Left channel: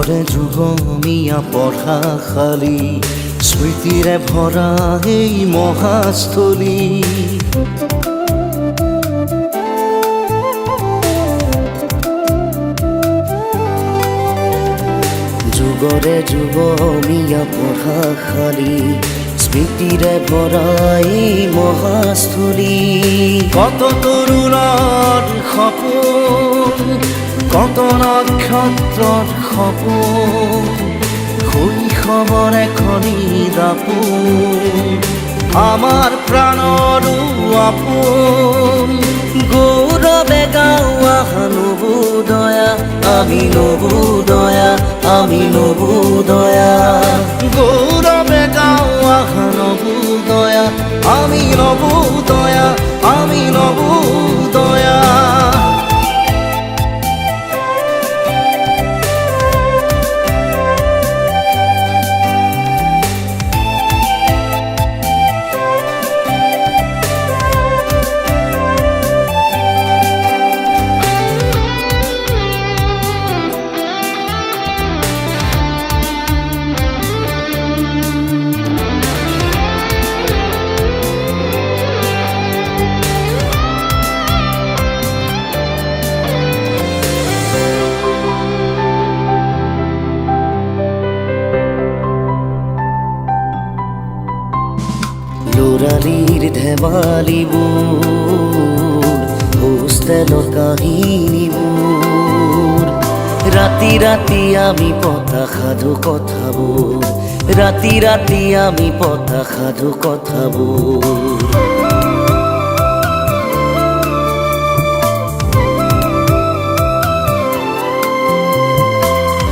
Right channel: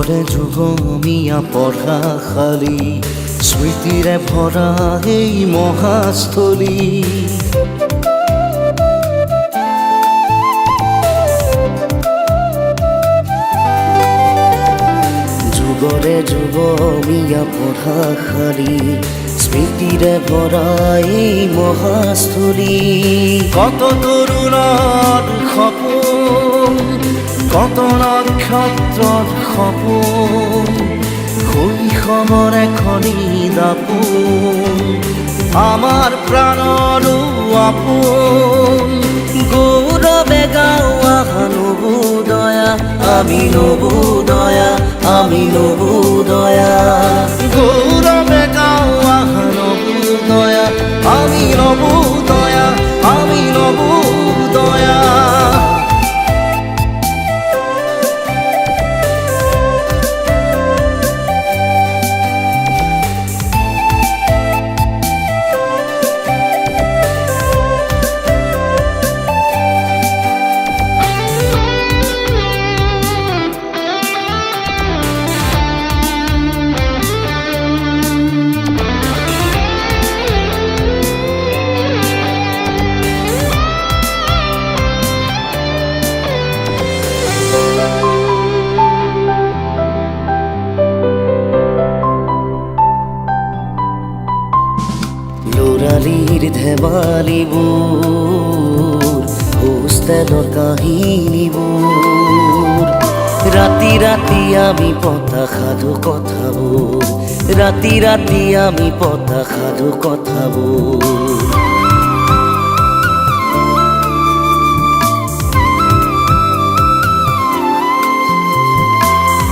যুগরে যুগ মিয়া পঢ়া খালি স্মৃতিৰে ভৰা এই মহাস্থলী। যুগরে যুগ মিয়া পঢ়া খালি স্মৃতিৰে ভৰা এই মহাস্থলী। কত তৰুণৰ সপোন, কত নক্ষত্ৰৰ সপোন, শৈশৱৰ এখনি দাপোন, আমাৰ প্ৰাণৰো আপোন। গৌৰৱে গাঁও নবোদয়া, আমি নবোদয়া, আমি নবোদয়া। গৌৰৱে গাঁও নবোদয়া, আমি নবোদয়া, আমি নবোদয়া। ল'ৰালিৰ ধেমালিবোৰ, হোষ্টেলৰ কাহিনীবোৰ, ৰাতি ৰাতি আমি পতা সাধু কথাবোৰ, ৰাতি ৰাতি আমি পতা সাধু কথাবোৰ।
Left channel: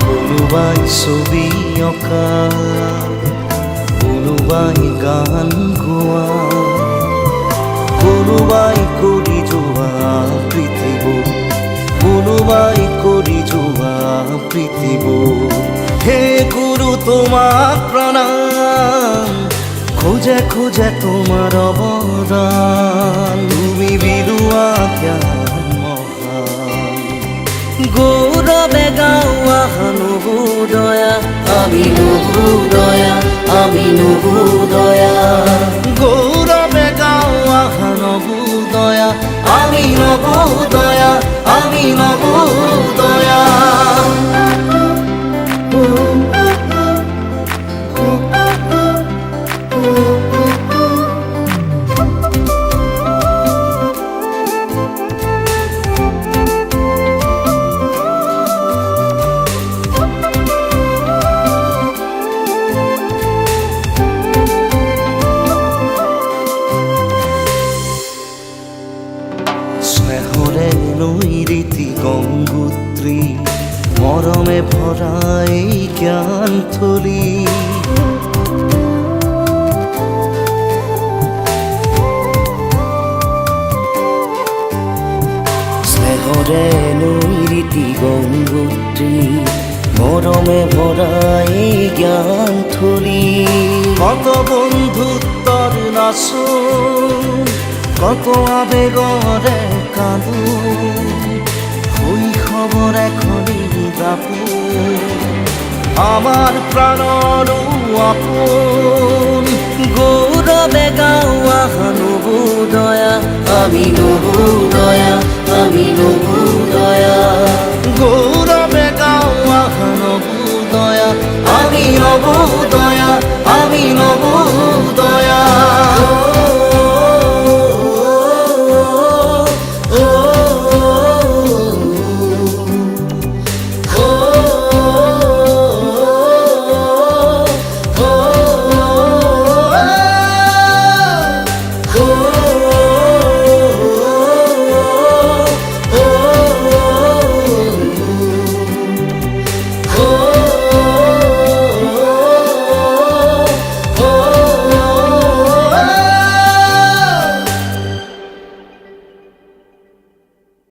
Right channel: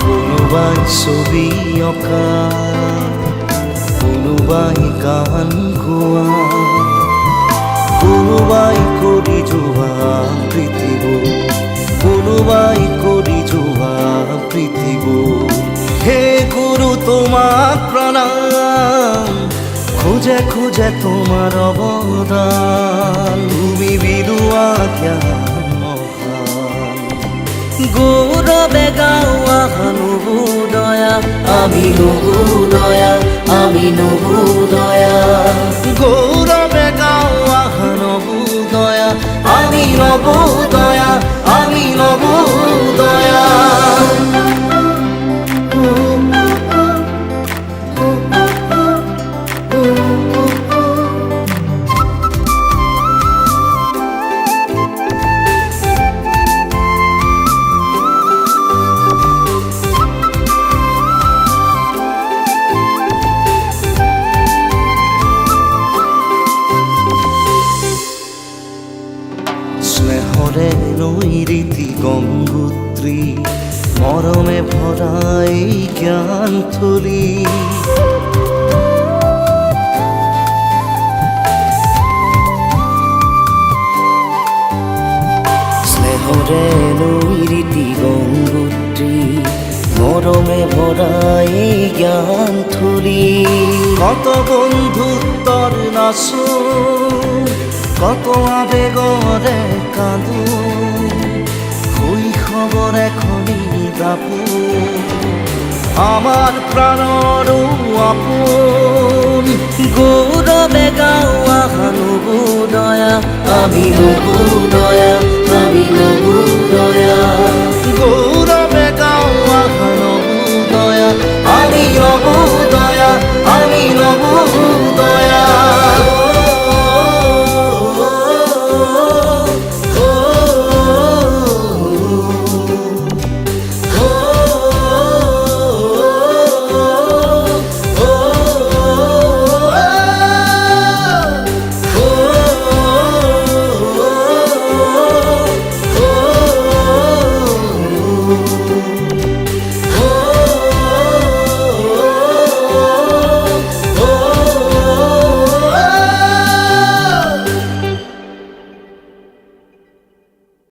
কোনোবাই ছবি অঁকা, কোনোবাই গান গোৱা, কোনোবাই কৰি যোৱা প্ৰীতিবোৰ, কোনোবাই কৰি যোৱা প্ৰীতিবোৰ। হে গুৰু তোমাক প্ৰণাম, খোজে খোজে তোমাৰ অৱদান, তুমি বিলোৱা জ্ঞান মহান। গৌৰৱে গাঁও নবোদয়া, আমি নবোদয়া, আমি নবোদয়া। গৌৰৱে গাঁও নবোদয়া, আমি নবোদয়া, আমি নবোদয়া। স্নেহৰে নৈ ৰীতি গংগোত্ৰী, মৰমে ভৰা এই জ্ঞানথলী। স্নেহৰে নৈ ৰীতি গংগোত্ৰী, মৰমে ভৰা এই জ্ঞানথলী। কত বন্ধুত্বৰ নাচোন, কত আবেগৰে কান্দো, শৈশৱৰ এখনি দাপোন, আমাৰ প্ৰাণৰো আপোন। গৌৰৱে গাঁও নবোদয়া, আমি নবোদয়া, আমি নবোদয়া। গৌৰৱে গাঁও নবোদয়া, আমি নবোদয়া, আমি নবোদয়া।